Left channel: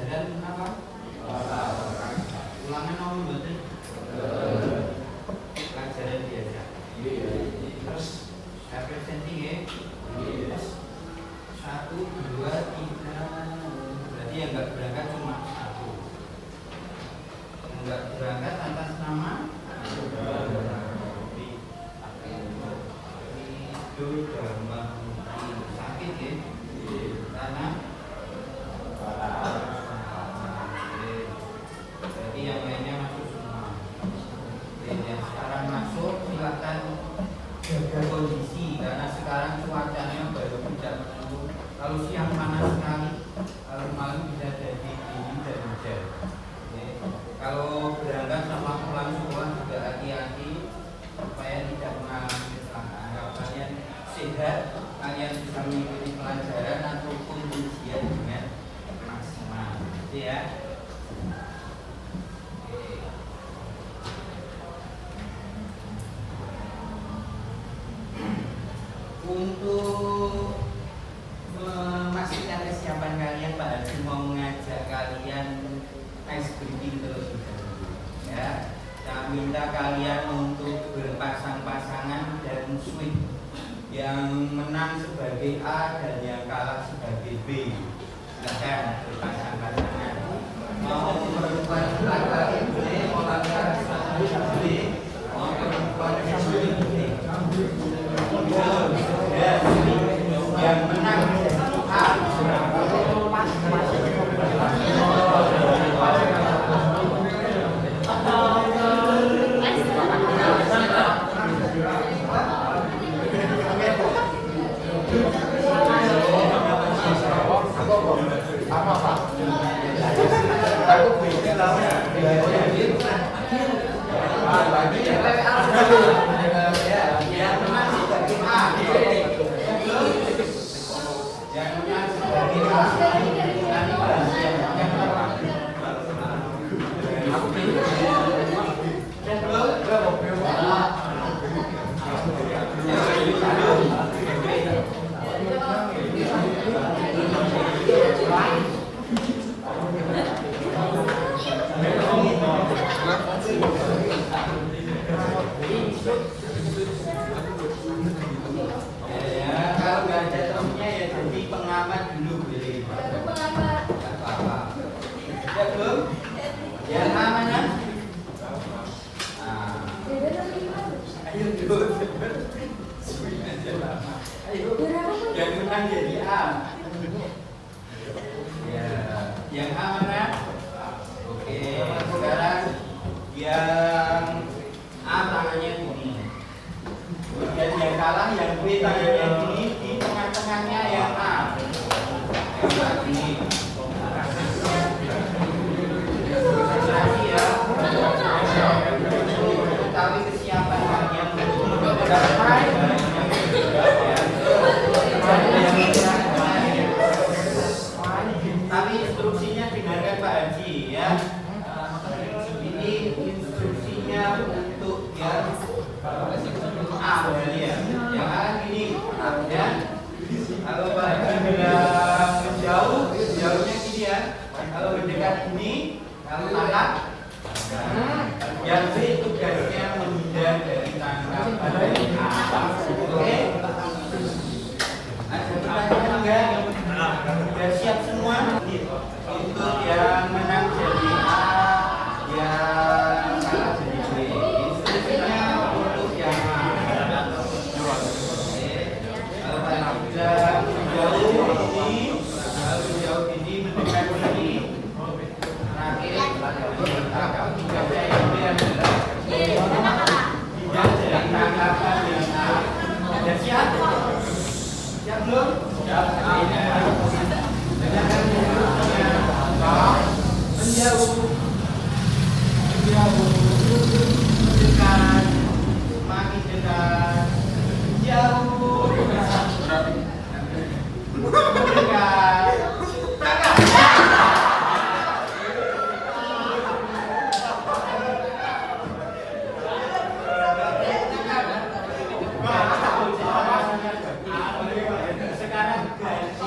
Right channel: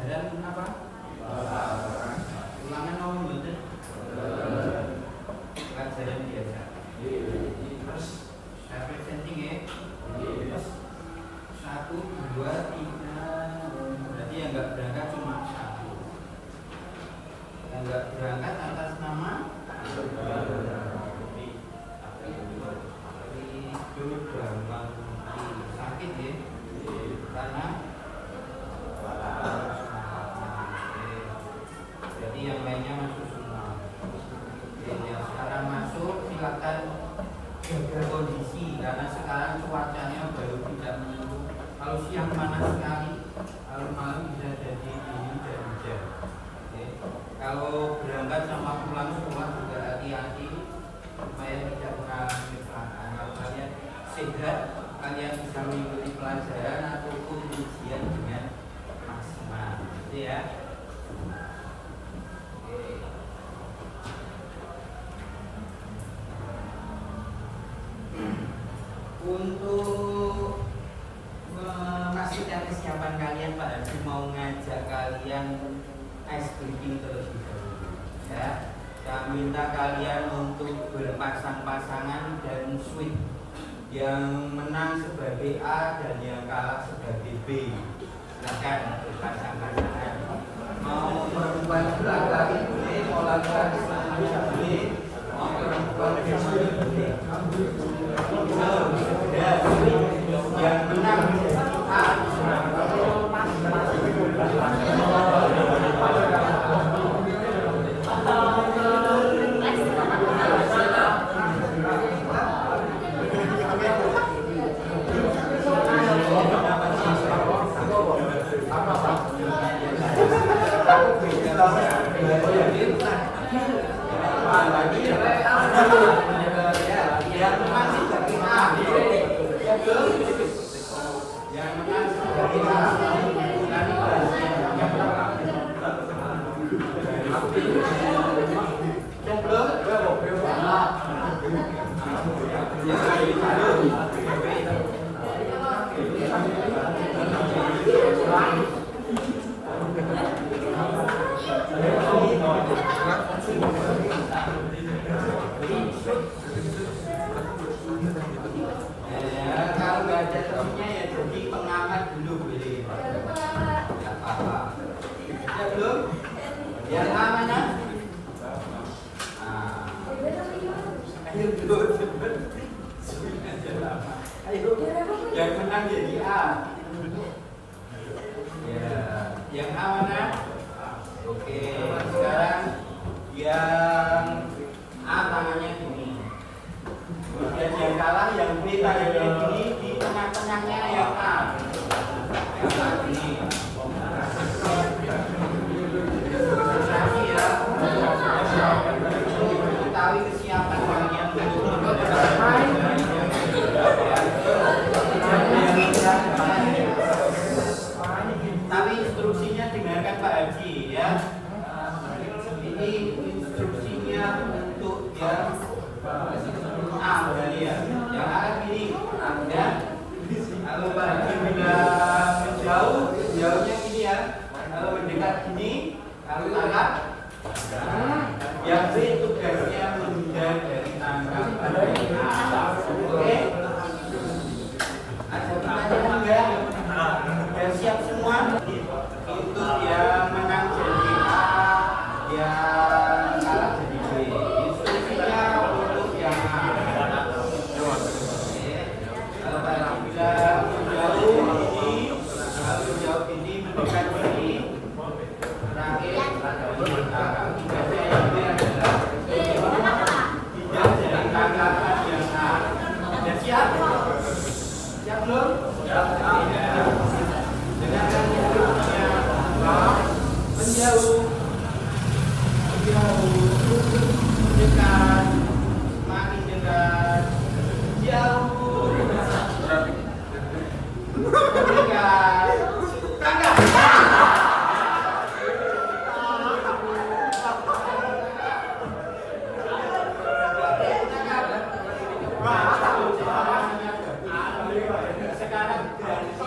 pelajaran apa? Ulangan apa betul? Pelajaran biasa. Terus representing ya. Satu, dua, tiga. Berarti yang nggak berangkat cuma satu. Yang nggak berangkat atas nama sakit ya, karena jadi yang lainnya masuk semua. Yang sekarang masuk silakan jaga kondisi karena sekarang cuacanya baru tidak menentu. Kalau siang panas sekali, kalau malam bisa jadi dingin dan hujan. Kalau berangkat sama pulang sekolah juga hati-hati supaya tidak mengalami kecelakaan. Kalau kalian sehat, kalian bisa mengikuti pelajaran ataupun ujian dengan maksimal, gitu ya. Untuk memastikan kesiapan kalian, Pak Haji mau ngajak kalian ice breaking terlebih dahulu, ya. Saya minta kalian untuk berpasang-pasangan dan swing. Yang menang sebagai A dan yang kalah sebagai B. Silakan berpasang-pasangan. Mau merubah lagi boleh, mau lagi boleh, mau berubah boleh. Yang menang menjadi A. Yang menang jadi A. Ya, yang A mana? Oke, sekarang yang A tangannya gini. Dan yang kalah yang B tangannya gini, di tengah-tengahnya yang A. Yang A gini. Lagi ya. Ketahui kesiapan kalian tapi instruksinya dengarkan Pak Haji ya. Ini instruksinya untuk yang A berarti ya. Yang A gini ya. Kalau Pak Haji bilang menjauh, jauhnya gini ya. Kalau mendekat gini, kalau tangkap yang B tugasnya menghindar dari tangkapan dari A. Oke? Ada pertanyaan enggak? Sudah siap semua? Untuk yang menang jadi A, yang kalah jadi B. Instruksinya untuk yang A. Oke. Kalau tadi bilang menjauh ini, kalau jauh ini mendekat ini. Terakhir, tangkap tugasnya yang B adalah tidak dari tangkapan yang A. Sudah siap? Siap belum? Siap. Dengan instruksinya menjauh, dekat, semakin dekat, jauh, dekat, tangkap. Sekarang gantinya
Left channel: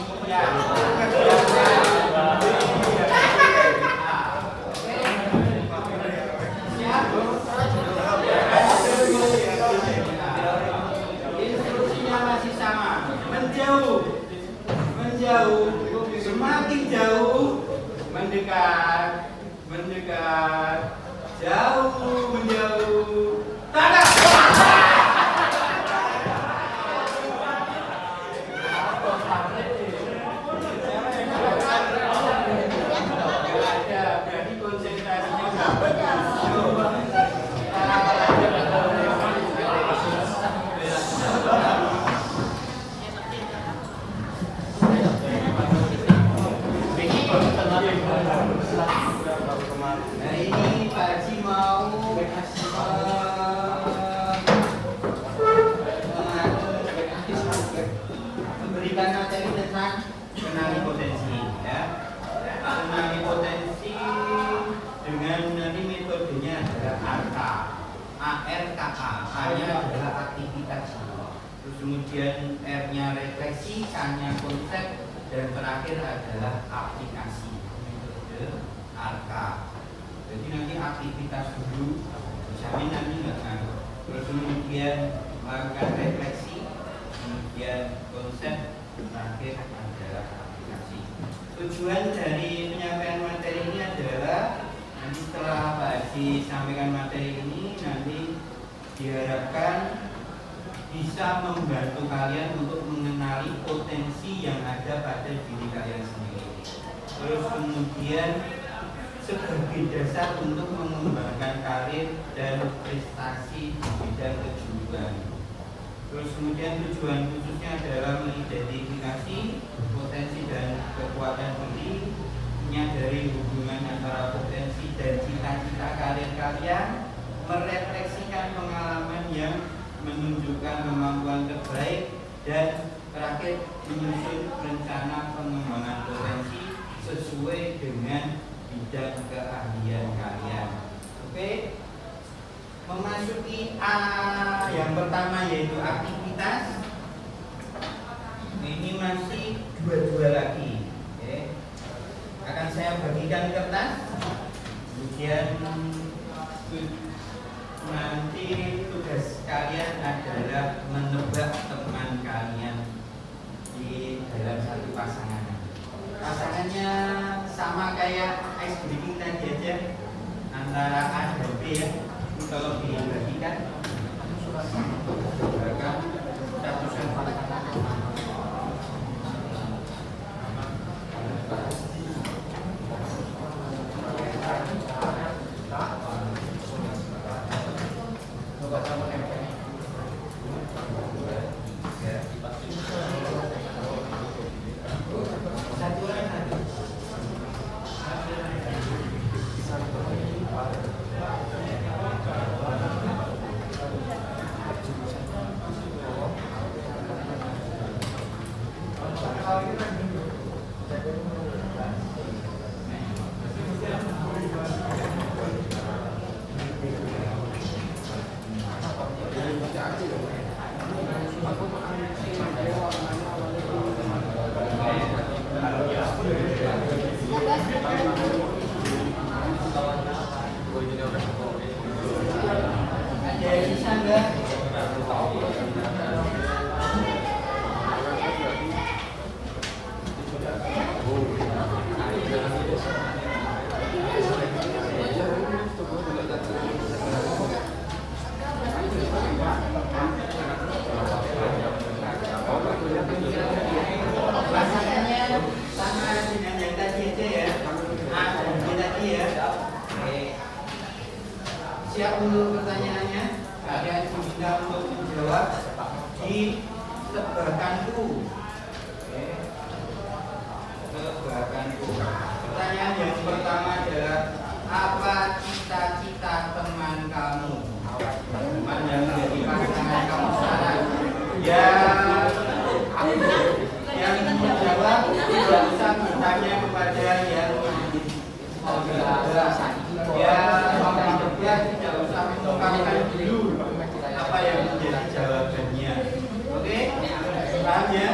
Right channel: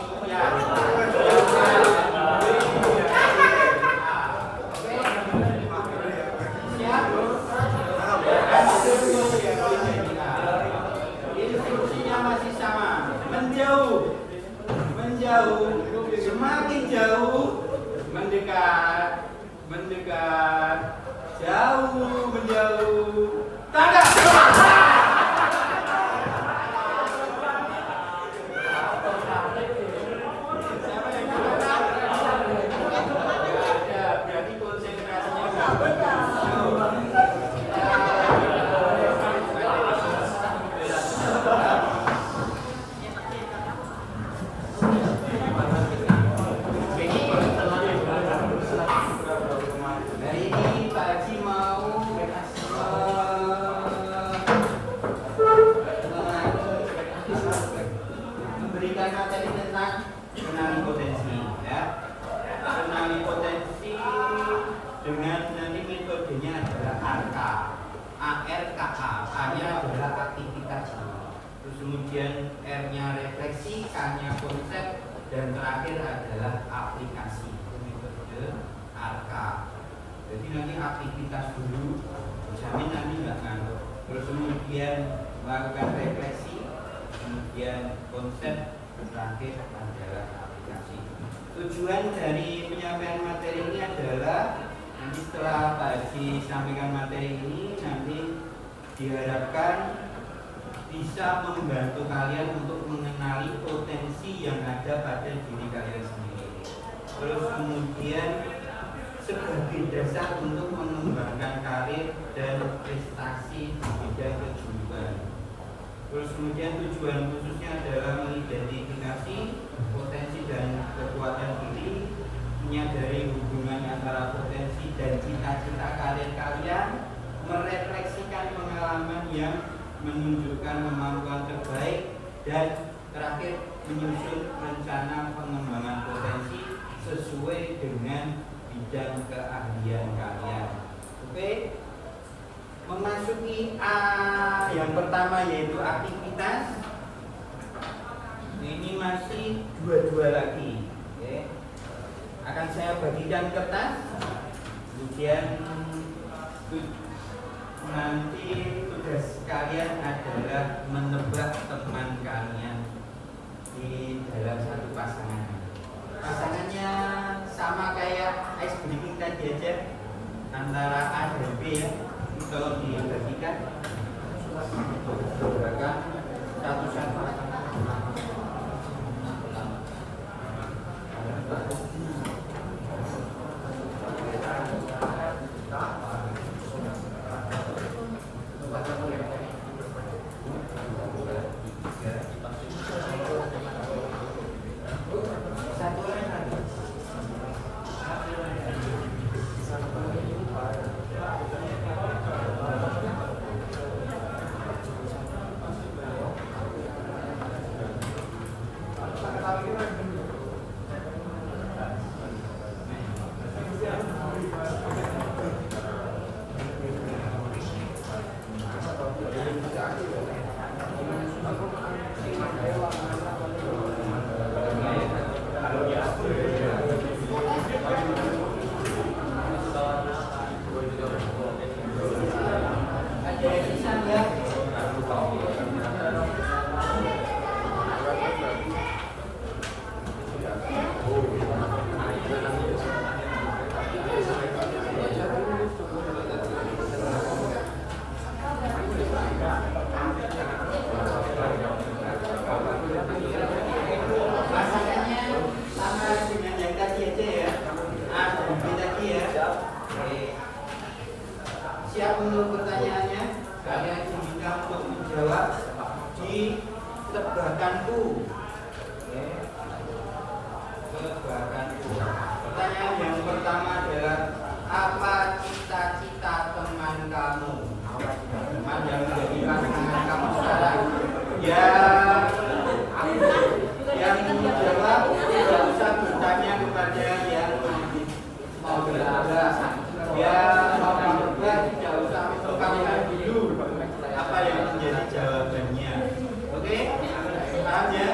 menjauh, menjauh, semakin jauh, mendekat, mendekat, jauh, menjauh. Tada! Berarti konsentrasinya hari ini Pak Haji mau memberikan materi tentang kenali potensi, ya. Kenali potensi dengan nanti metodenya adalah ARKA. A-nya adalah aktivitas, terus kemudian R-nya refleksi, K-nya konsep, dan terakhir adalah aplikasi. Metode ARKA. Jadi nanti aktivitas dulu, jamin nanti nggak ngantuk. Terus kemudian melakukan refleksi, kemudian konsep, terakhir adalah aplikasi. Tujuan dari penyampaian materi ini adalah nanti setelah Pak Haji sampaikan materi ini, nanti diharapkan bisa membantu kalian untuk mengenali potensi yang ada pada diri kalian sendiri. Terus kemudian sebagai dasar untuk mengembangkan karir dan prestasi di bidang kejuruan. Terus kemudian tujuan khususnya adalah mengidentifikasi potensi dan kekuatan diri, menyadari hubungan antara potensi dan cita-cita karir kalian, merefleksikan pengalaman yang menunjukkan kemampuan terbaik, dan terakhir menyusun rencana pengembangan potensi sesuai dengan bidang keahlian kalian. Oke? Memasuki A yang pertama yaitu aktivitas. Ini masih dua lagi. Oke. Akan saya bagikan kertas. Kemudian nanti tugas kalian adalah menebak teman kalian di dalam satu pasangan. Pasangannya sama kayak ice breaking tadi aja, antara A dan B, ya. Kalau dibagikan satu-satu. Siap untuk pertanyaannya? Kalian diminta untuk menjawab di tebakanku. Tebakanku. Pertanyaan yang pertama adalah, apa cita-cita teman kamu? Teman yang menjadi pasangan kamu sekarang. Yang menjawab tidak usah bertanya kepada yang mau berdebat. Mau berdebat tidak usah mengungkapkan dulu apa yang menjadi jawabannya. Oke? Paham ya?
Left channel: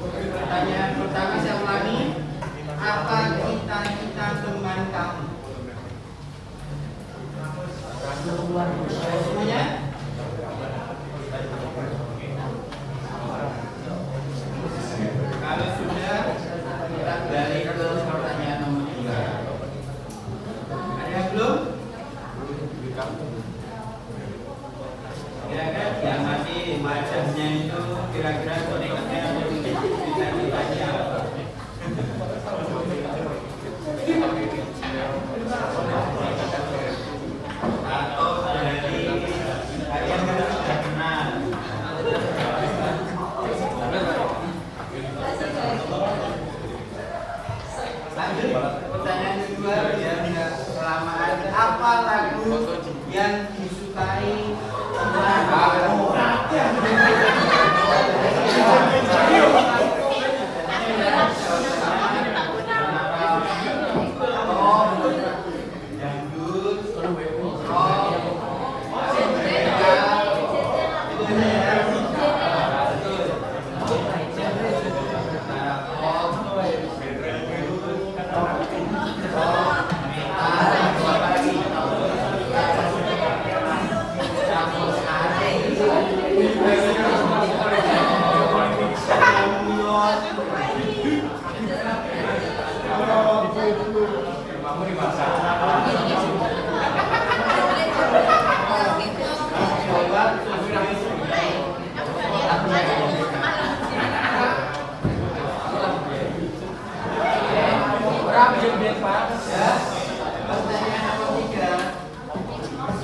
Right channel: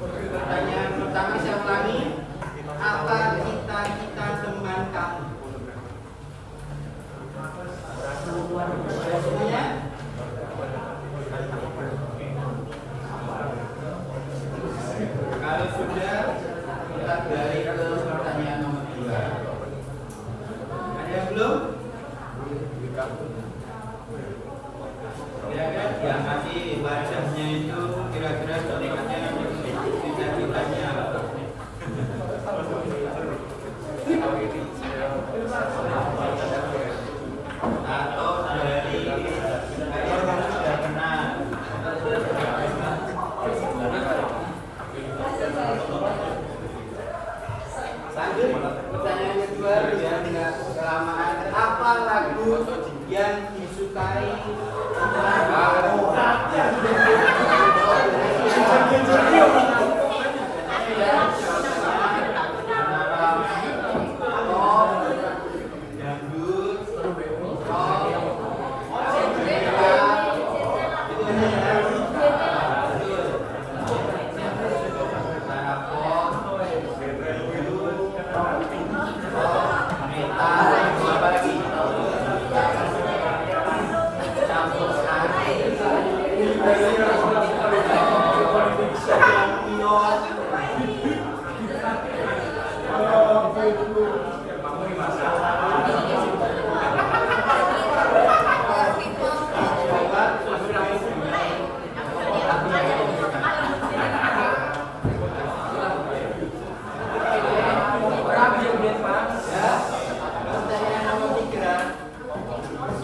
Pertanyaan pertama saya ulangi. Apa cita-cita teman kamu? Semuanya? Kalau sudah, kita beralih ke pertanyaan nomor 3. Ada yang belum? Kira-kira yang masih wajahnya itu kira-kira contohnya bisa ditanya apa? Atau dari kalian sudah kenal? Lanjut, pertanyaan kedua ya, tidak kelamaan. Apa lagu yang disukai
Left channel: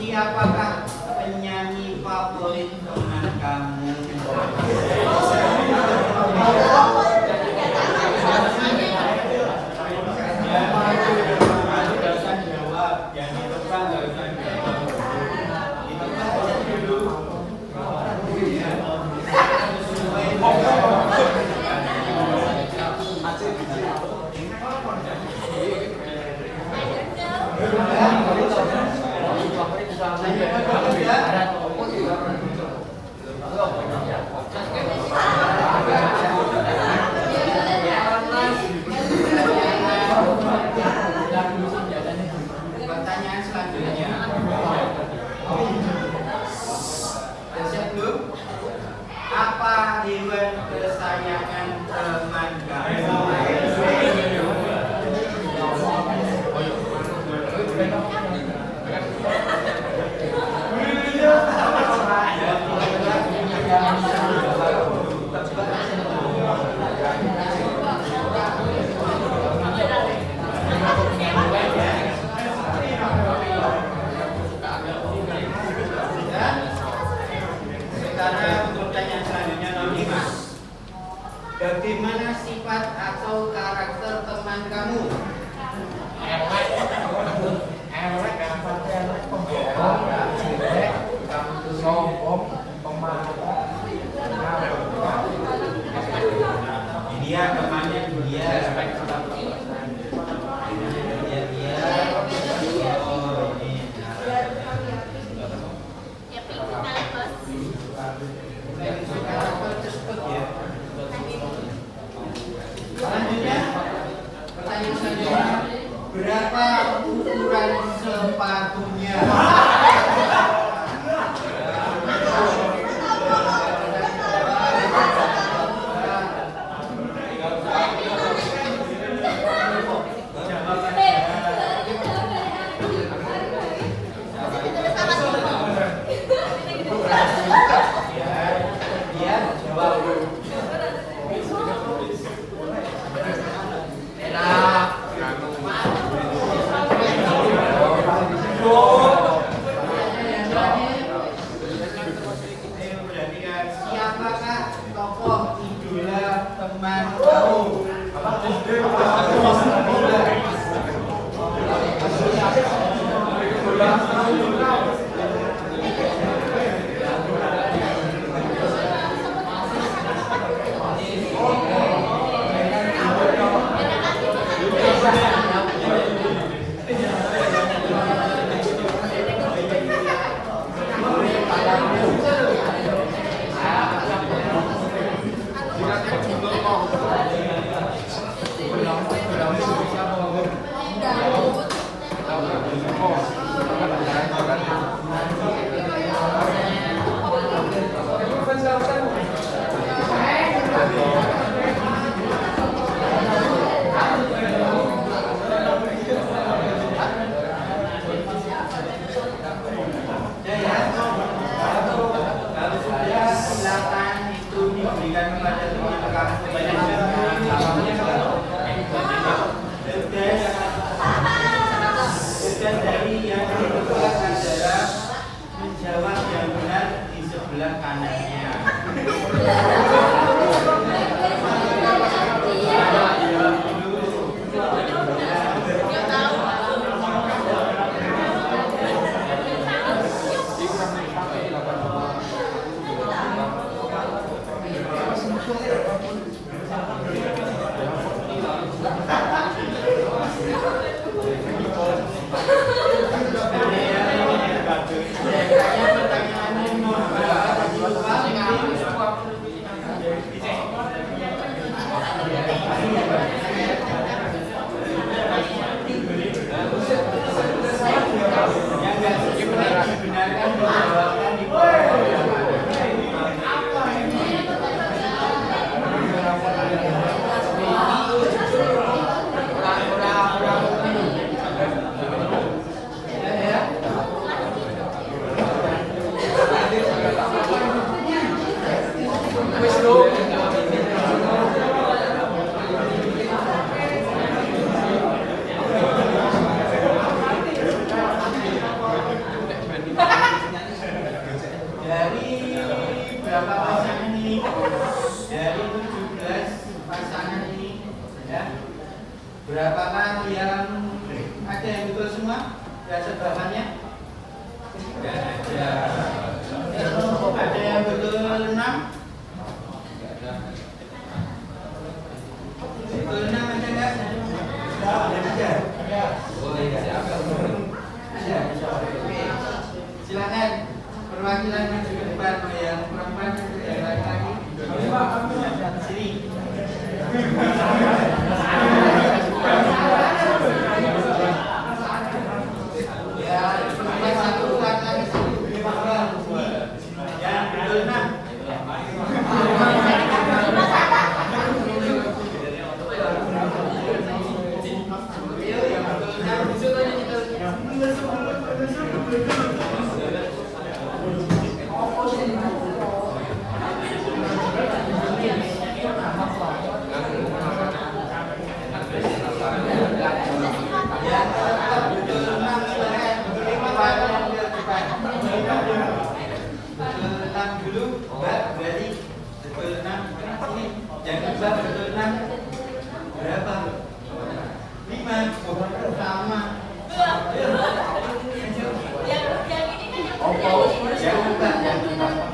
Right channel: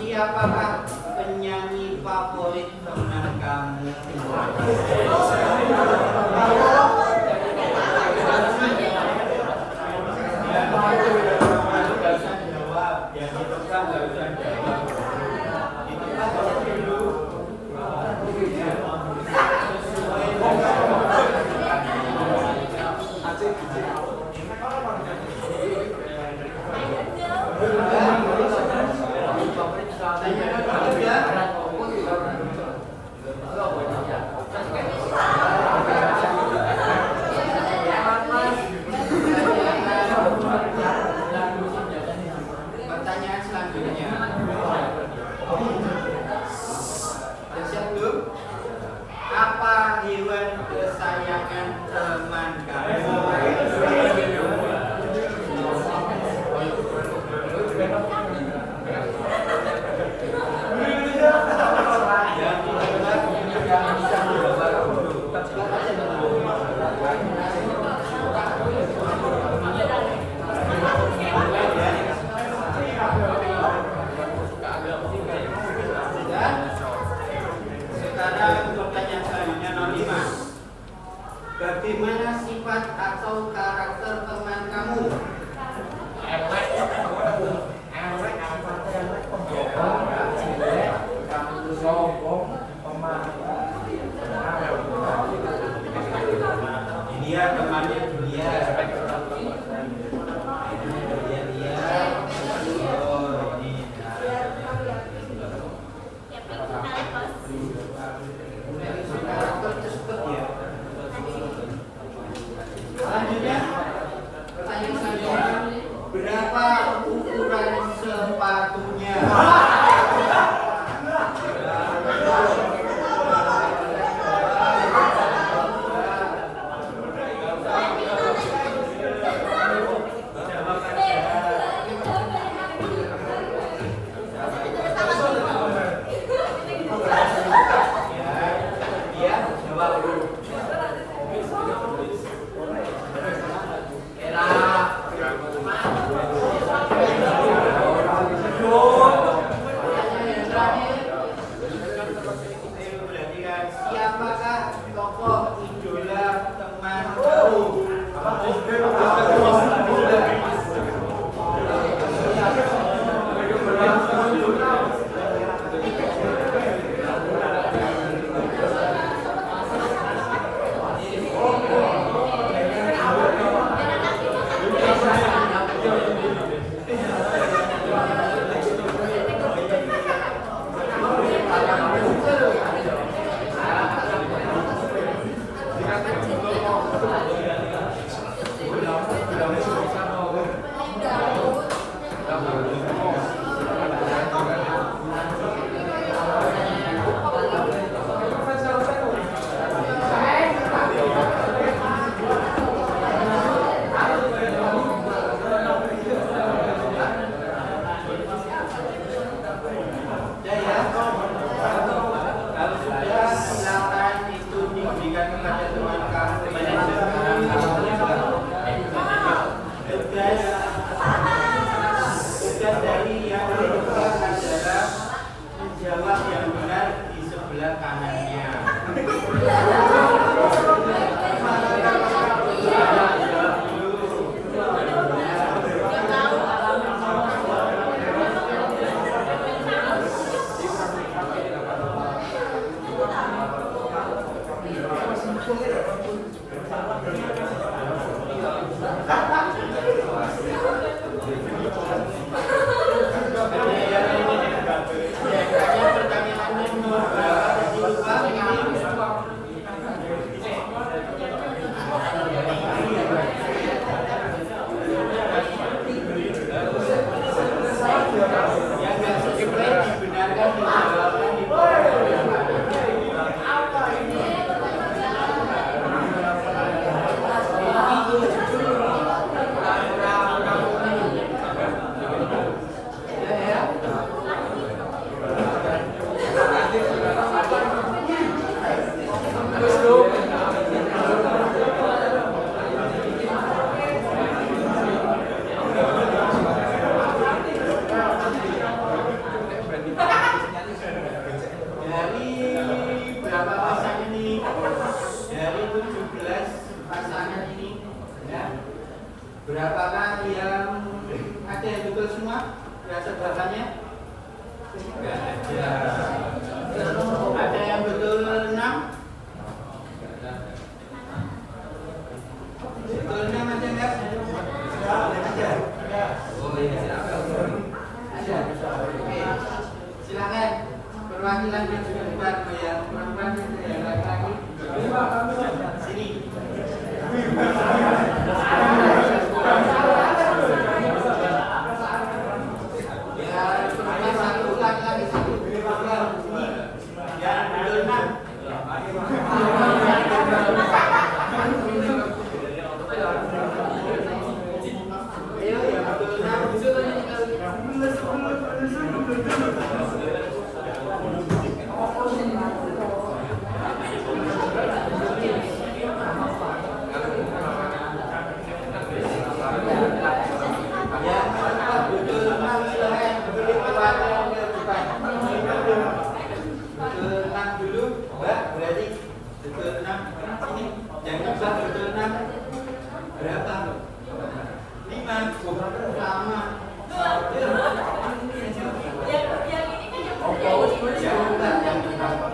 siapakah penyanyi favorit teman kamu? Jawab, yang di depan nggak usah jawab. Itu kan dulu. Pertanyaan selanjutnya. Sudah siap belum? Apa hewan kesayangan teman kamu? Sekarang pertanyaan selanjutnya nomor 5. Bagaimana sifat atau karakter teman kamu? Dia temannya dia. Selanjutnya, pertanyaan selanjutnya, berapa ukuran sepatunya? Berapakah yang ada yang betul semua? Ya sebelahannya? Tidak ada. Ada yang betul 6? Betul 6 ada nggak? Ada. Oh iya. Ada. Oke. Silakan perwakilan maju ke depan, yang perempuan, yang laki-laki. Sini. Jangan lupa betul 6 berapa? 5 sama. Jangan lupa.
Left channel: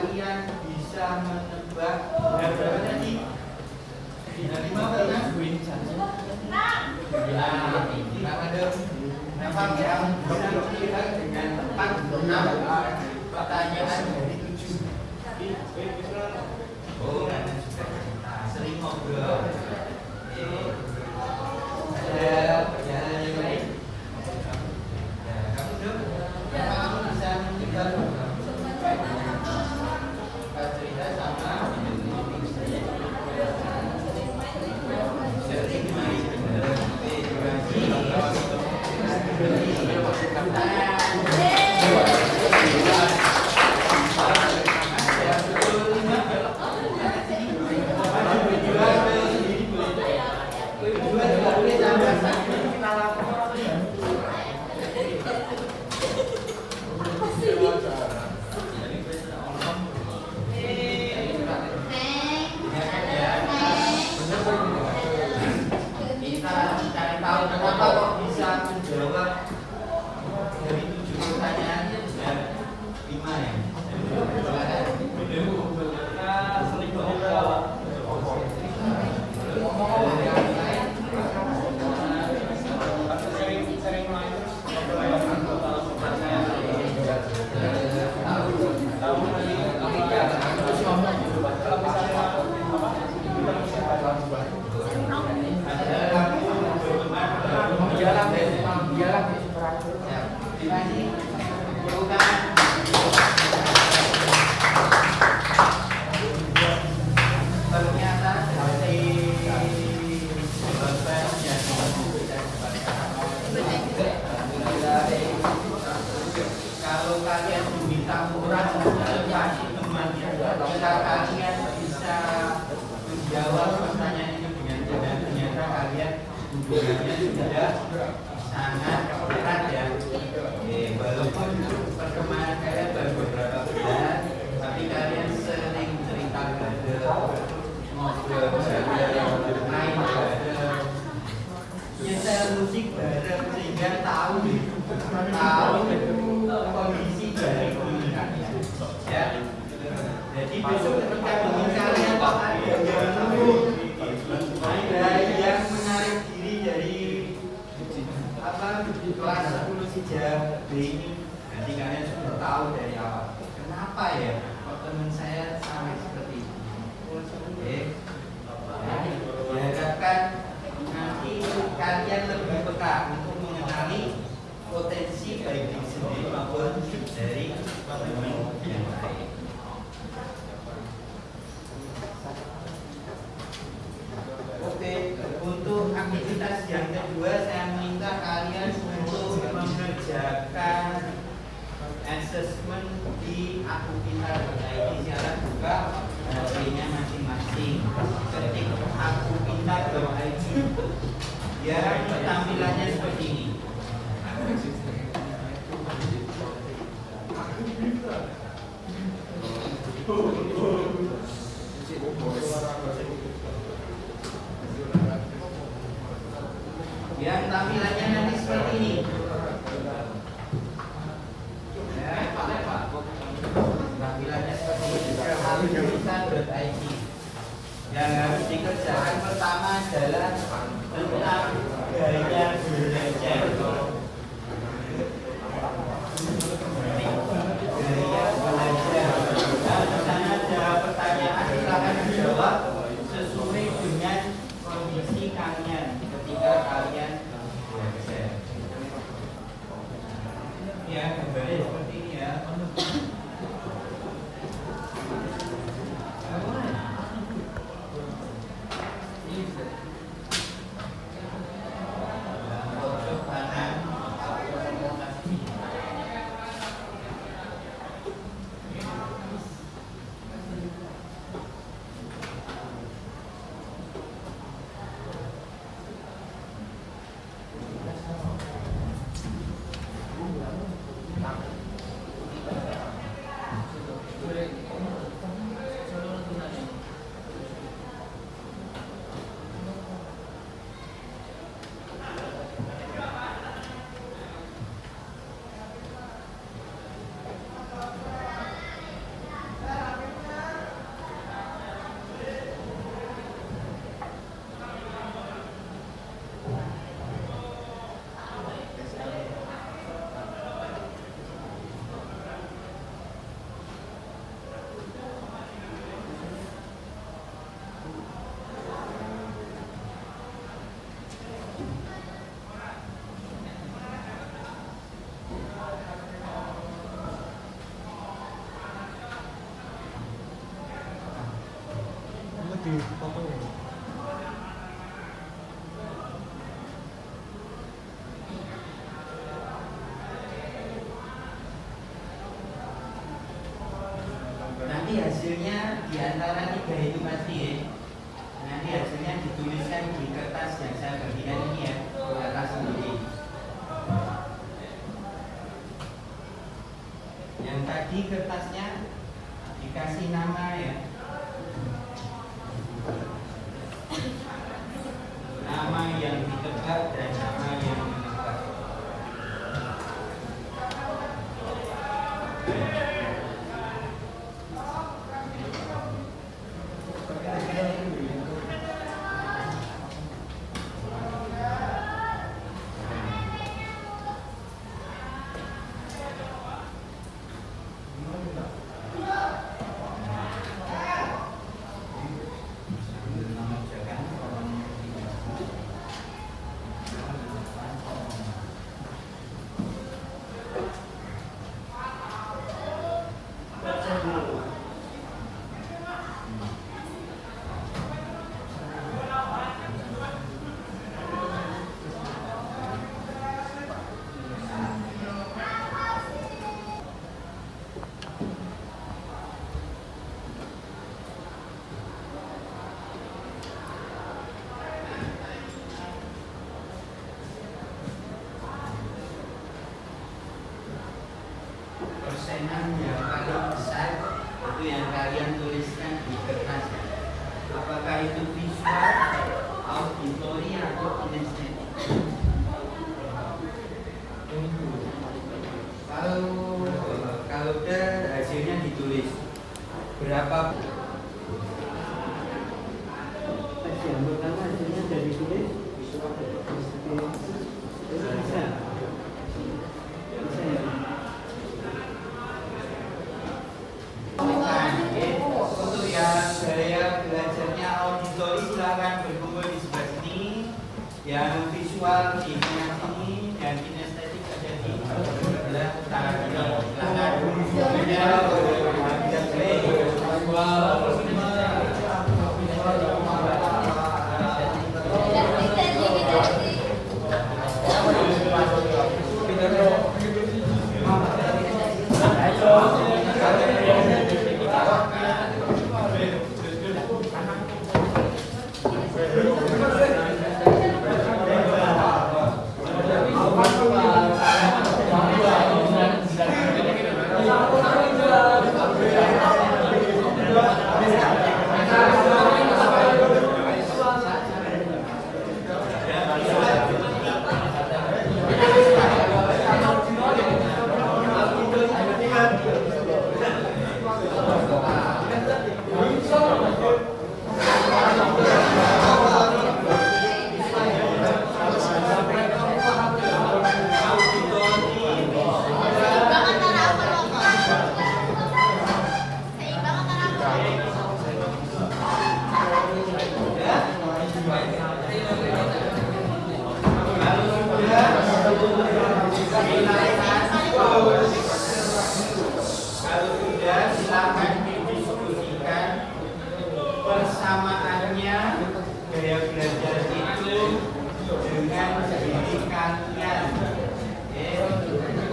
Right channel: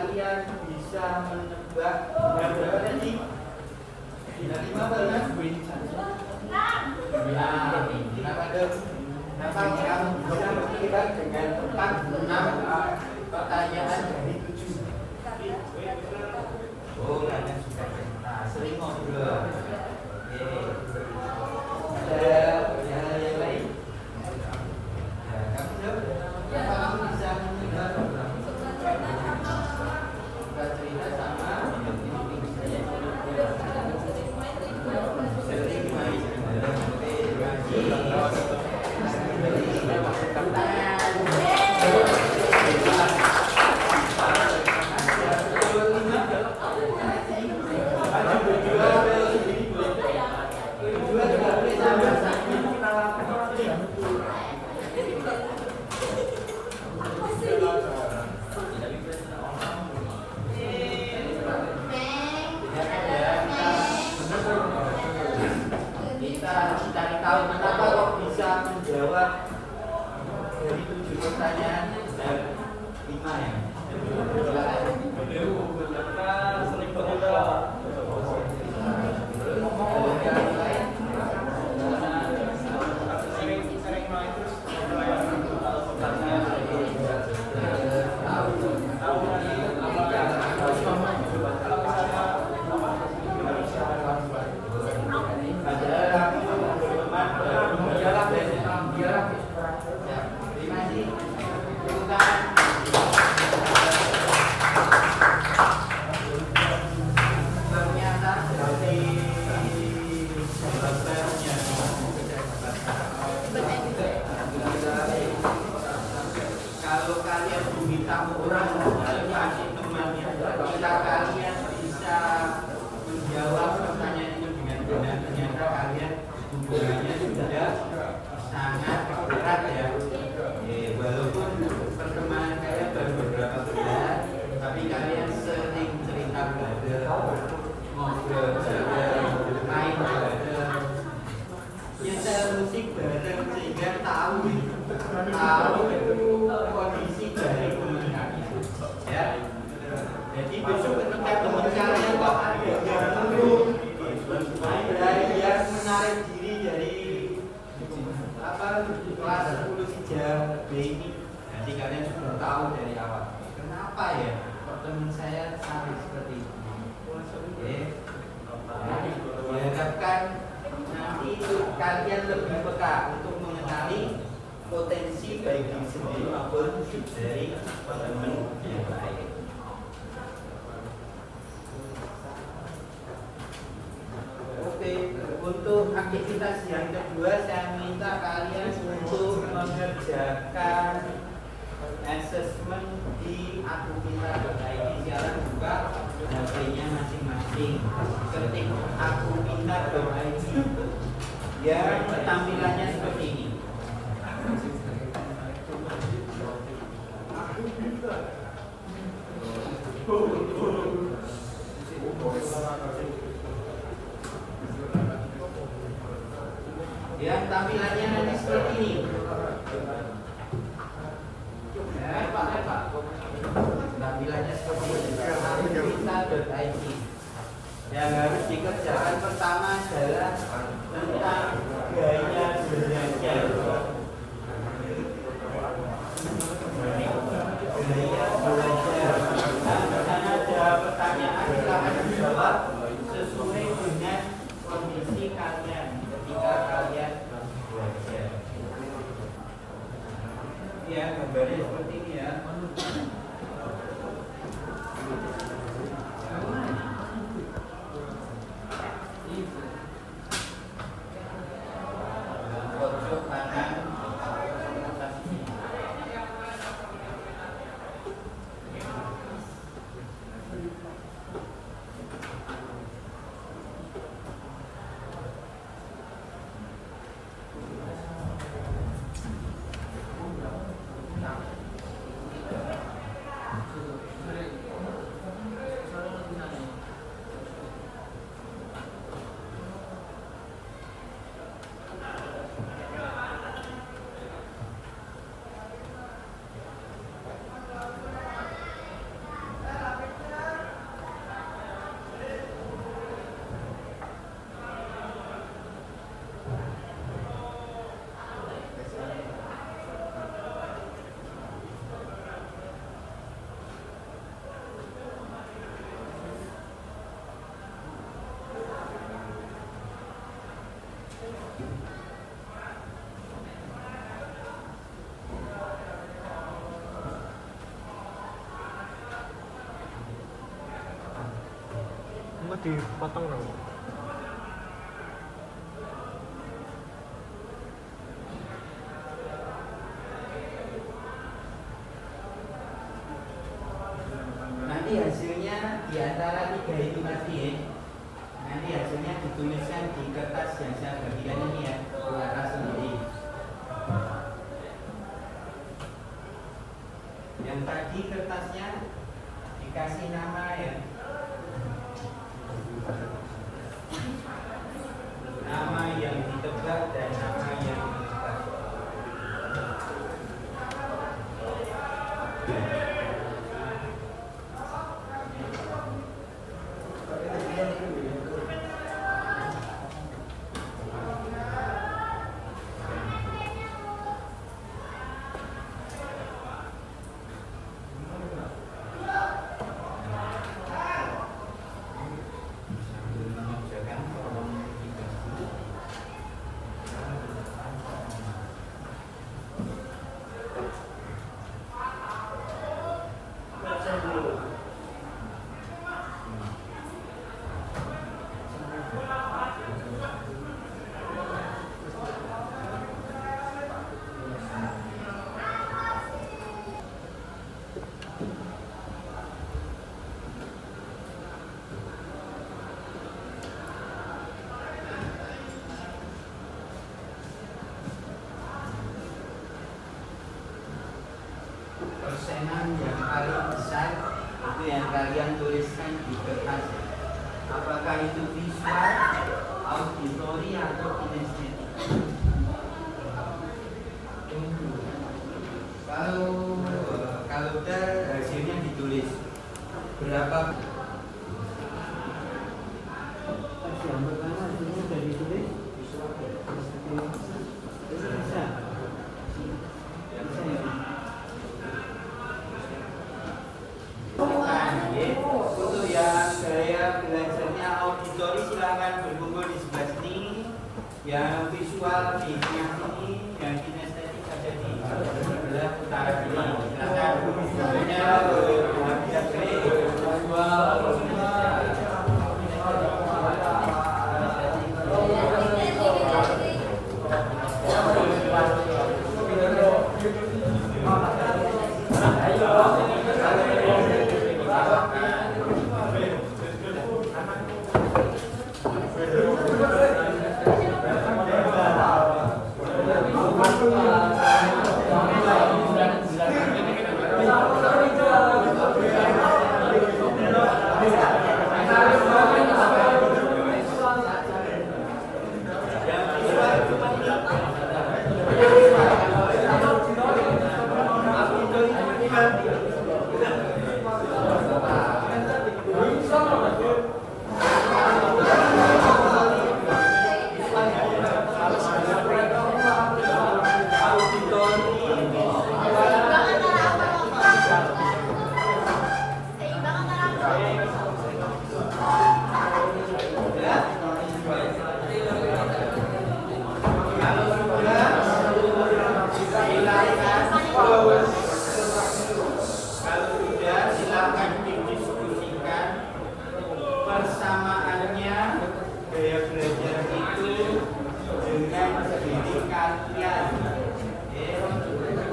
kalian bisa menebak berapa tadi? 5 kan? Berapa yang bisa menebak dengan tepat 6 pertanyaan dari 7? Oh, karena sudah cerita, sering ngobrol. Ada yang lain? Kamu dong? Kamu bisa menebak cerita sama cari tahu kenapa kok bisa menjawab dari 7 pertanyaan dan 5 ya. Sering main terus kalau kalian diminta ukuran kasih temannya, jika kalian bisa menjawab pertanyaan ini dengan benar, ternyata kalian hubungannya sudah sangat erat ya. Walaupun pertemanan kalian baru beberapa bulan, tapi kalian sering cerita bareng, ngobrol bareng, main bareng, nyetel musik bareng, sehingga tahu kondisi dari teman kalian. Ya. Jadi besok ketika teman kalian kok ada yang menurut, ada yang menarik diri dari kelas 10 sejam B ini, nanti kalian sudah tahu dari awal. Kenapa ya kok teman saya sampai seperti itu? Diharapkan nanti kalian lebih peka untuk mengenali potensi baik diri sendiri maupun dari teman yang lain. Oke, untuk aktivitas yang kedua saya minta kalian untuk mengerjakan assessment di akupintar.id. Silakan buka HP-nya masing-masing, ketik akupintar.id. Ya, tampilannya seperti ini. Ya, tampilannya nanti seperti ini. Tampilannya seperti ini. Akupintar.id. Yang harus dikerjakan pertama adalah tentang gaya belajar. Gaya belajar. Nah, di sana ada pertanyaan, silakan dijawab sesuai dengan kondisi kalian ketika kalian belajar. Ya, gambarnya seperti ini ya. dipotong nggak? Nanti hasilnya di antara 3 itu pasti ya. Nanti hasilnya dituliskan di kertas yang saya bagikan ini ya, atas sendiri. Yang tadi kertasnya dikasih nama ya, nama yang ditebak dan nama yang menebak. Persenan yang paling besar itu yang kalian tuliskan di kertas. Apakah itu visual, auditory atau kinestetik? Kalau hasilnya ditulis berapa? Yang pertama hasilnya dari ditulis visual. Bisa. Bisa ya. Untuk yang saya belajarnya auditori silakan berkumpul di sebelah sini. Yang visual di tengah sini, yang kinestetik ada di sebelah kiri. Kalau sudah silakan didiskusikan persamaannya gaya belajar itu dengan diri kalian.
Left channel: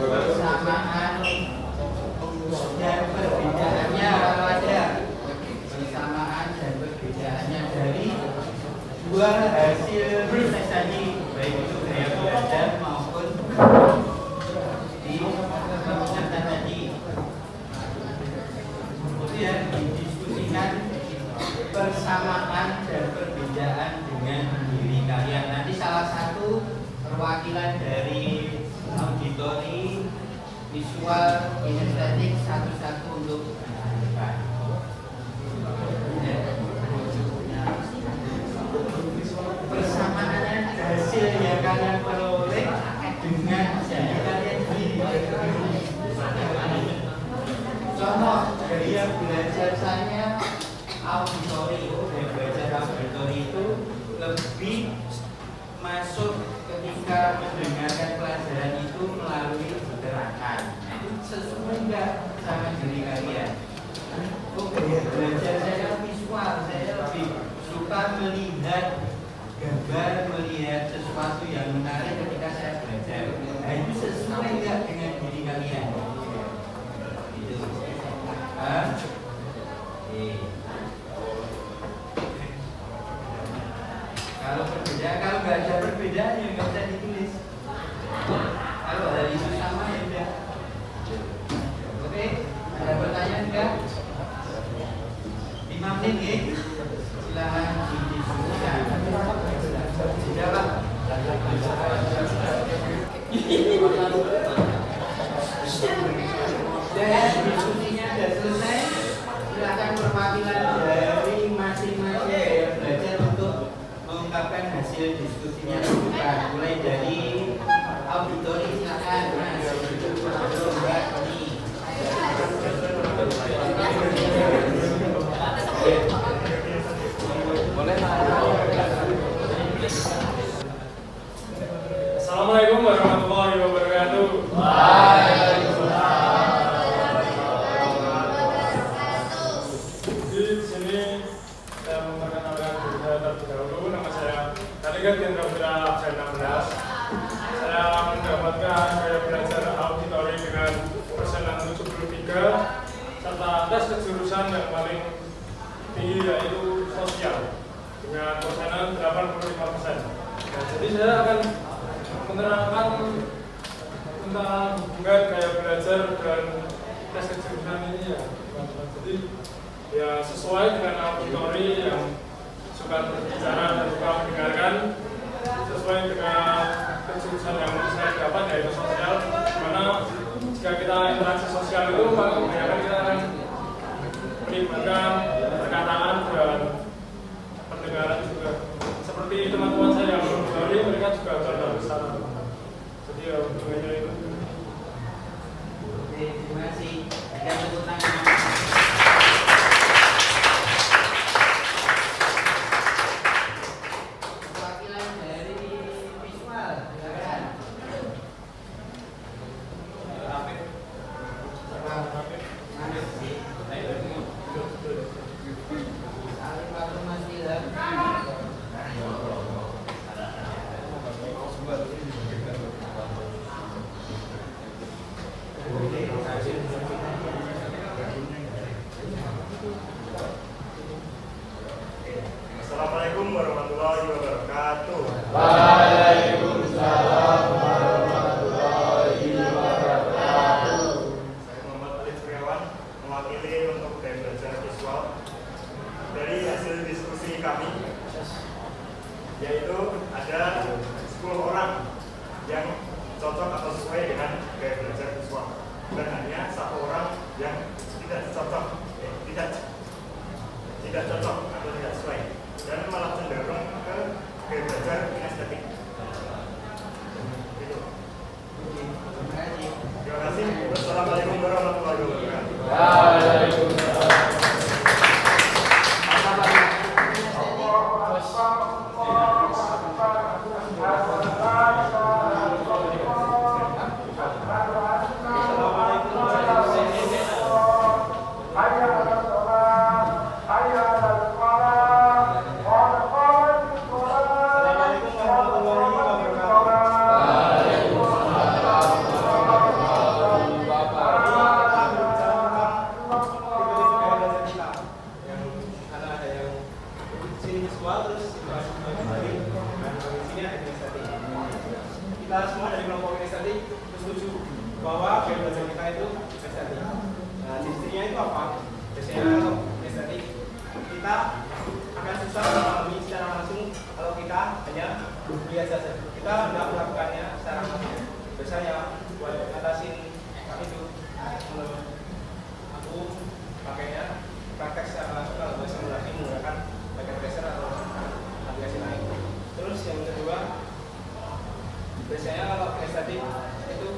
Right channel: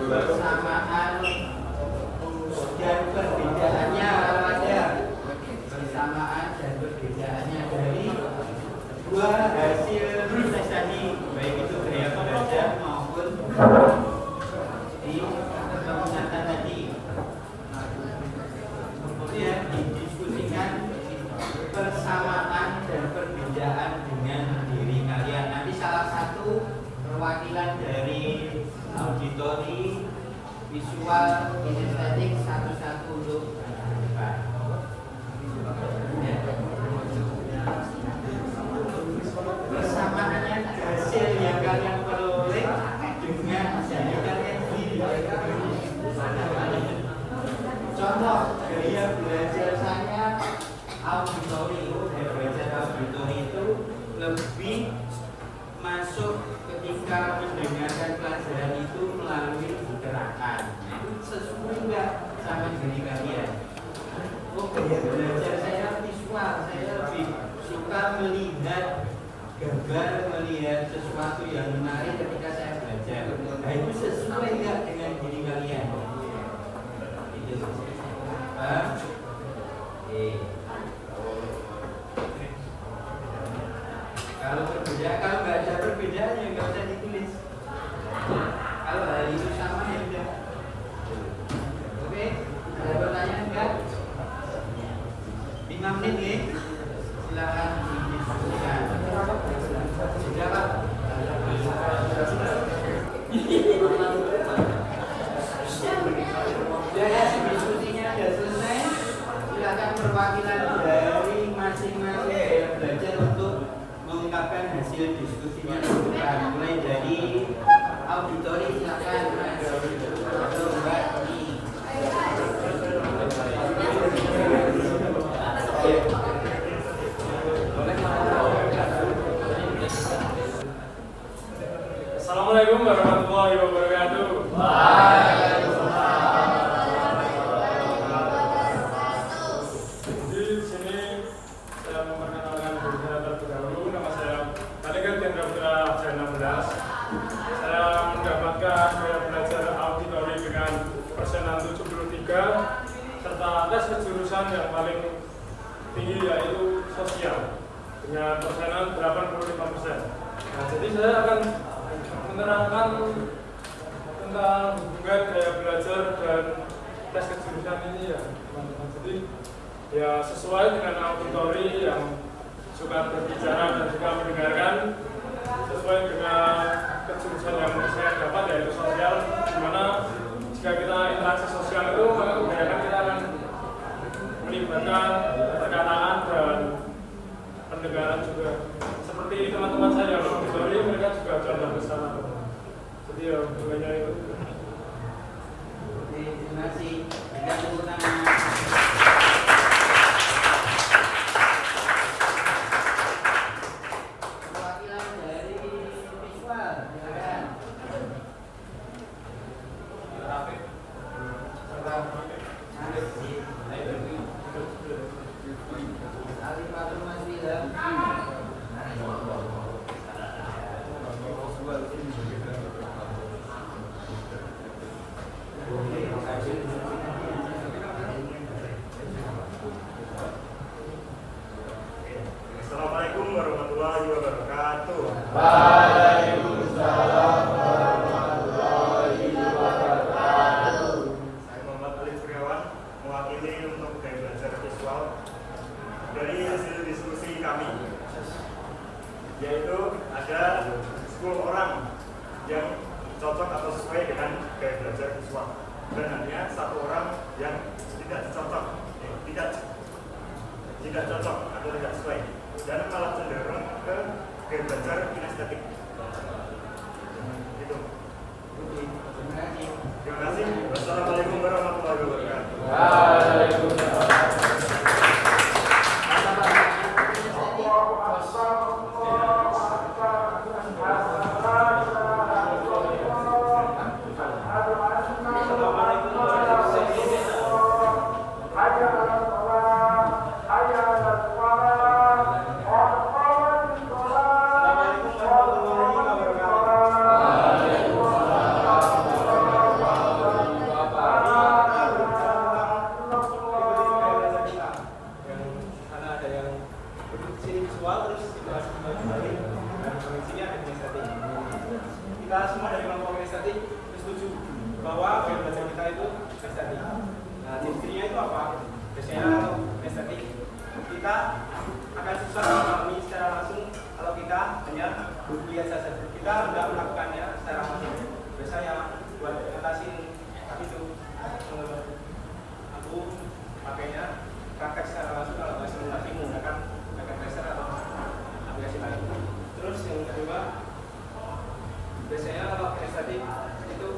Persamaan dan perbedaannya ada. Persamaan dan perbedaannya dari dua hasil riset tadi, baik itu gaya belajar maupun di catatan tadi. Kemudian didiskusikan persamaan dan perbedaan dengan diri kalian. Nanti salah satu perwakilan dari auditori, visual, kinestetik satu-satu untuk depan. Persamaannya hasil yang kalian peroleh dengan diri kalian sendiri. Contoh gaya belajar saya auditori, gaya belajar auditori itu lebih masuk ketika mendengarkan pelajaran itu melalui gerakan. Itu sesuai nggak sama diri kalian? Oh, gaya belajar saya visual, saya lebih melihat gambar, melihat sesuatu yang menarik ketika saya belajar. Nah, itu sesuai nggak dengan diri kalian? Gitu. Kalau perbedaan, kalau nggak ada perbedaan ya nggak usah ditulis. Kalau hari itu sama ya udah. Oke, ada pertanyaan nggak? 5 menit ya. Silakan didiskusikan. Sudah Pak. Ya, diskusinya sudah selesai. Silakan perwakilan dari masing-masing yang belajar untuk mengungkapkan hasil diskusinya terbuka. Mulai dari auditori silakan. Mbak Tony. Assalamualaikum warahmatullahi wabarakatuh. Di sini saya memperkenalkan diri saya terlebih dahulu. Nama saya Kaligat Gendra Putra Jana 16. Saya mendapatkan gaya belajar auditori dengan persenan 73 serta tes kejurusan yang paling tinggi yaitu sosial dengan persenan 85%. Nah, jadi saya akan menerangkan tentang hubungan gaya belajar dan tes kejurusan ini ya teman-teman. Jadi ya sesuai dengan auditori yang suka berbicara dan suka mendengarkan, sesuai dengan kejurusan yang saya dapat yaitu sosial, karena jika kita interaksi sosial itu maka kebanyakan kita akan melibatkan perkataan dan pendengaran juga. Seperti teman-teman saya yang auditori, mereka juga contoh besar. Jadi ya hubungannya itu. Oke, terima kasih. Berikan tepuk tangan. Perwakilan dari visual, silakan. Salim Fatur Mas Wilham. Assalamualaikum warahmatullahi wabarakatuh. Waalaikumsalam warahmatullahi wabarakatuh. Saya Muhammad Ali Suriawan, mewakili untuk gaya belajar visual. Dari hasil diskusi kami, yaitu ada 10 orang yang cocok atau sesuai dengan gaya belajar visual, dan hanya 1 orang yang tidak cocok, tidak cocok atau tidak sesuai, dan malah cenderung ke gaya belajar kinestetik. Itu. Terima kasih. Wassalamualaikum warahmatullahi wabarakatuh. Kita semua dari kelompok kinestetik setuju bahwa gaya belajar kita itu estetik. Nah, ciri-cirinya itu apa? Biasanya kalau estetik kita akan susah memahami secara langsung kalau kita hanya melihat saja. Kita tidak melakukannya secara langsung. Biasanya buat ngatasin itu, aku pakainya praktek secara langsung kalau nggak simulasi menggunakan bagian tracer atau aplikasi lain. Terus yang kedua, biasanya kalau kinestetik itu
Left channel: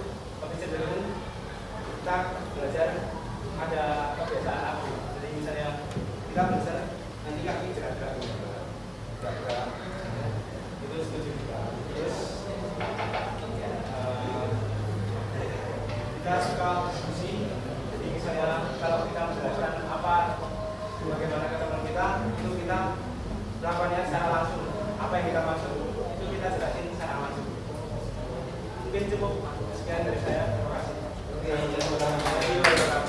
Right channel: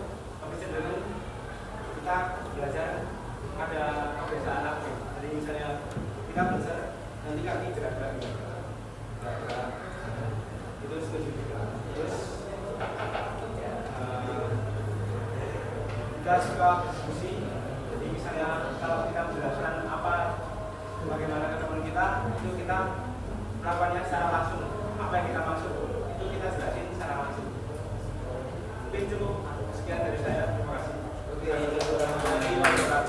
lebih cenderung kita belajar ada kebiasaan aktif. Jadi misalnya kita belajar nanti kaki gerak-gerak itu setuju kita. Terus kita suka diskusi. Jadi misalnya kalau kita menjelaskan apa bagaimana teman kita, itu kita melakukannya secara langsung. Apa yang kita maksud itu kita jelasin secara langsung. Mungkin cukup sekian dari saya. Terima kasih. Warahmatullahi wabarakatuh.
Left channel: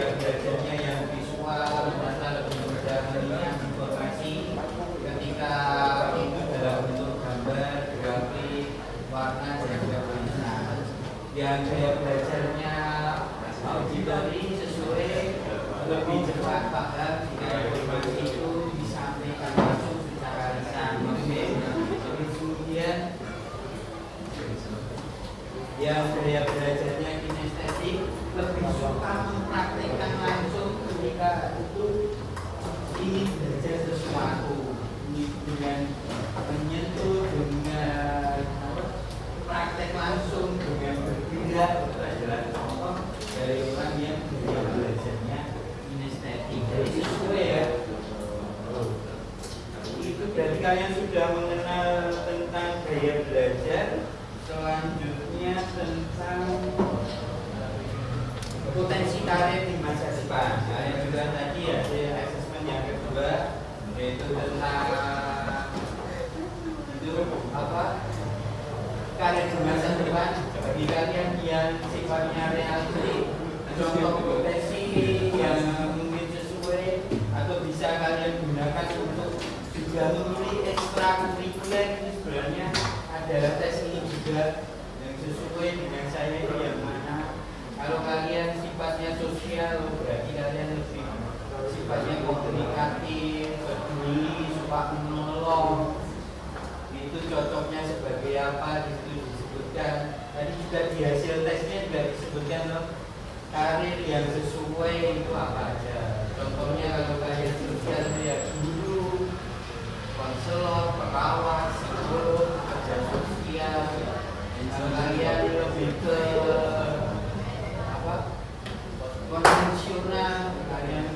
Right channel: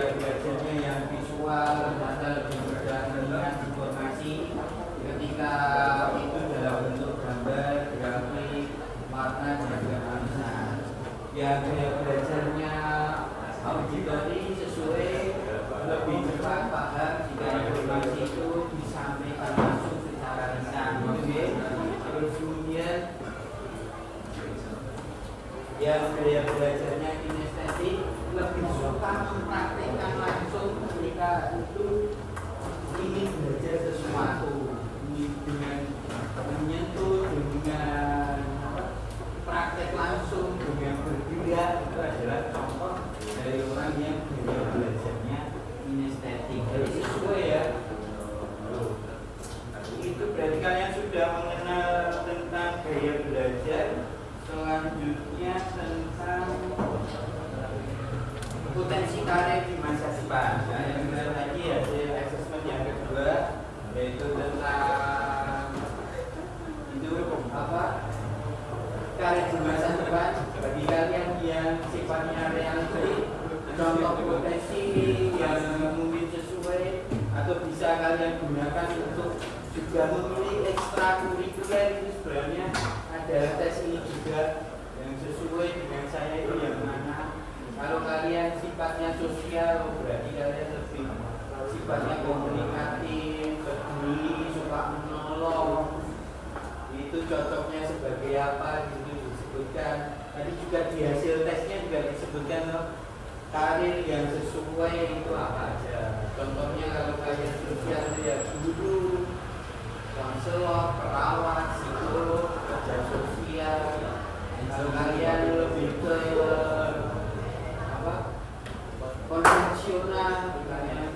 Belajarnya yang visual, ternyata lebih mudah melihat informasi ketika itu dalam bentuk gambar, grafik, warna dan juga tulisan. Yang gaya belajarnya auditori sesuai lebih cepat paham jika informasi itu disampaikan langsung secara lisan. Terus kemudian yang gaya belajarnya kinestetik lebih suka mempraktikkan langsung ketika itu ingin belajar sesuatu dengan menyentuh, dengan praktek langsung, dengan bergerak. Itu adalah contoh dari orang yang gaya belajarnya kinestetik. Jadi sesuai ya. Itu berarti kalian sudah mengenal tentang gaya belajar. Selanjutnya tentang potensi karir di masa depan. Nah, yang juga tadi hasil asesmen yang kedua yaitu tentang itu apa karir di masa depan bagi kalian yang sifatnya realistik, contoh potensi yang mungkin sesuai atau bisa kalian gunakan untuk juga memilih ekstrakurikuler. Ini sebenarnya ada tes ini juga yang sesuai dengan saya itu yang mana. Kalau kalian sifatnya sosial, berarti kalian lebih sifatnya komunikatif, peduli, suka menolong. Itu cocoknya sebagai apa? Itu disebutkan. Tadi juga di hasil tesnya juga disebutkan loh, karir yang sesuai itu apa aja. Contohnya kalau kalian sosial itu ya guru, konselor, perawat, psikolog, kerja sosial. Kalau kalian lebih ke konvensional, kalian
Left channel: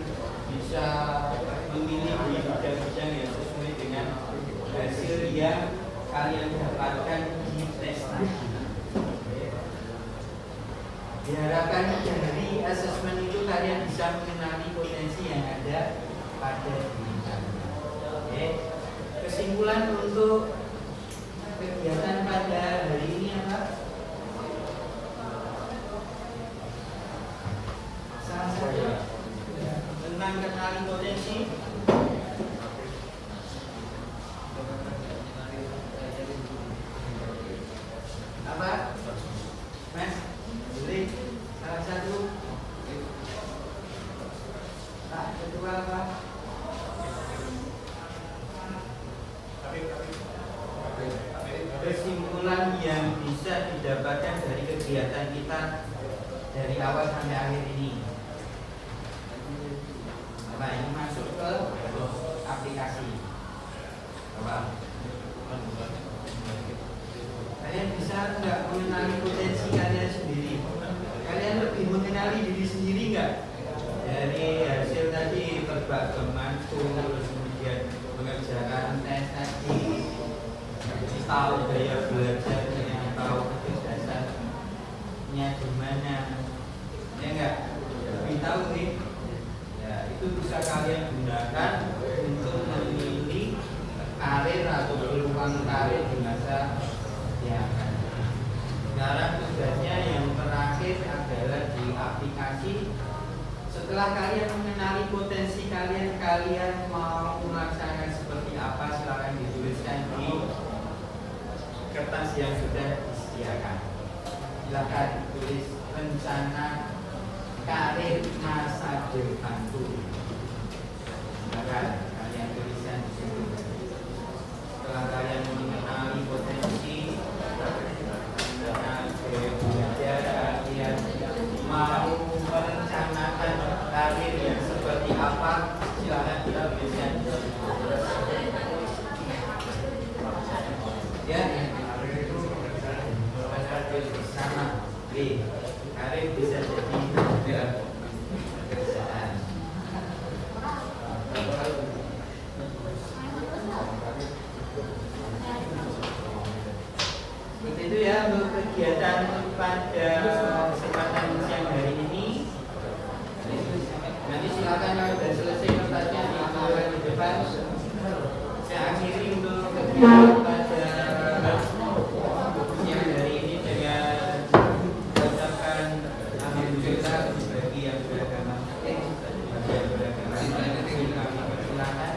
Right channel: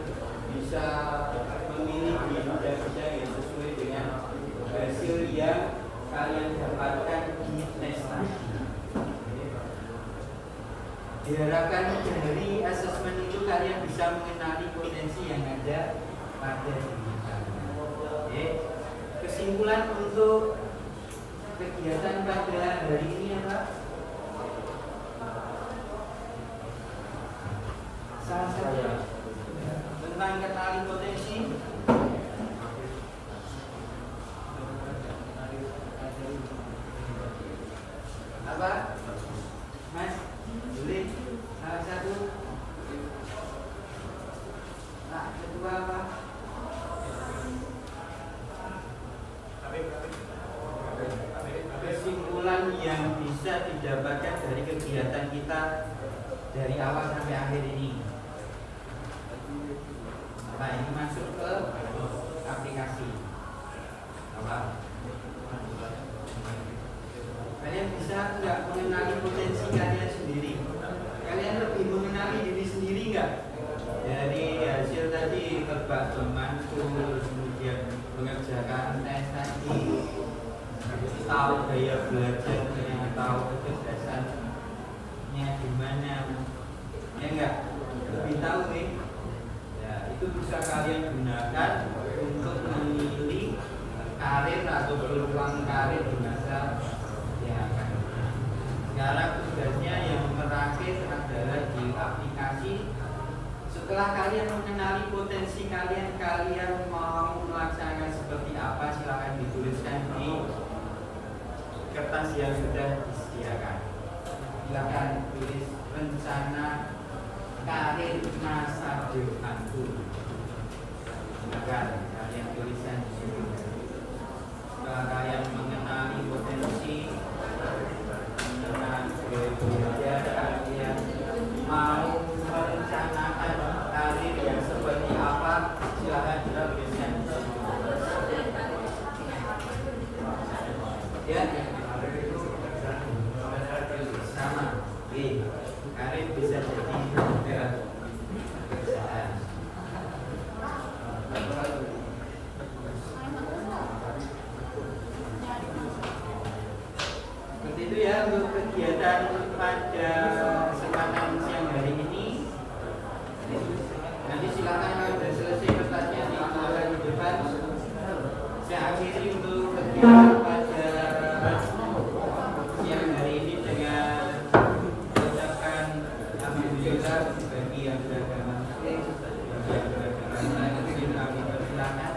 bisa memilih di bidang-bidang yang sesuai dengan hasil yang kalian dapatkan di tes tadi. Diharapkan dari asesmen itu kalian bisa mengenali potensi yang ada pada diri kalian. Kesimpulan untuk kegiatan pada hari ini apa? Salah satu tentang kenali potensi. Apa? Mas, boleh salah satu. Pak Ketua apa? Kesimpulan yang bisa didapatkan dari kegiatan kita dari awal sampai akhir ini. Nah, ini masuk ke aplikasi. Coba. Kalian bisa nggak mengenali potensi kalian sendiri? Kalian lebih mengenali diri sendiri nggak? Dari hasil tadi terbak temanku, kemudian mengerjakan tes tadi, tahu gaya belajarnya, tahu kecerdasannya gimana, ya enggak? Lebih tahu nih. Ya, itu bisa kalian gunakan untuk memilih karir atau peluang karir di masa yang akan datang. Sekarang tugasnya yang terakhir adalah di aplikasi. Setelah kalian mengenali potensi kalian, kalian mau melaksanakan seperti apa? Silakan dituliskan di kertas yang sudah disediakan. Silakan tulis rencana karir masa depanku. Silakan kalian tuliskan di situ. Setelah kalian mengenali potensi dan belajar, kalian mau merencanakan karir yang seperti apa? Silakan kita tuliskan di situ. Ya. Sama, karir bisa jadi pekerjaan. pada kesempatan siang hari ini. Nanti silakan kalau sudah selesai kertasnya dikumpulkan di depan. Saya akhiri untuk kegiatan pada siang hari ini dengan mengucapkan alhamdulillah bagi yang beragama Muslim, bagi yang beragama Muslim kami persilahkan.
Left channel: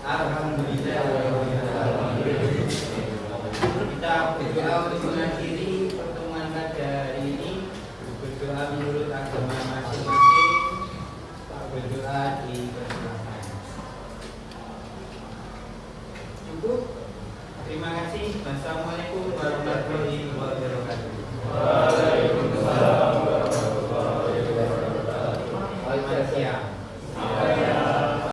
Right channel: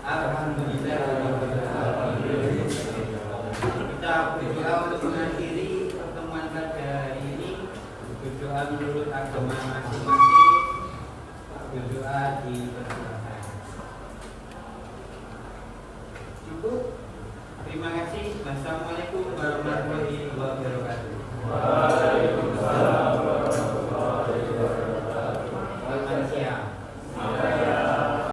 Alhamdulillah. Kita berdoa untuk mengakhiri pertemuan pada hari ini. Berdoa menurut agama masing-masing. Berdoa di persilahkan. Cukup. Terima kasih. Wassalamualaikum warahmatullahi wabarakatuh.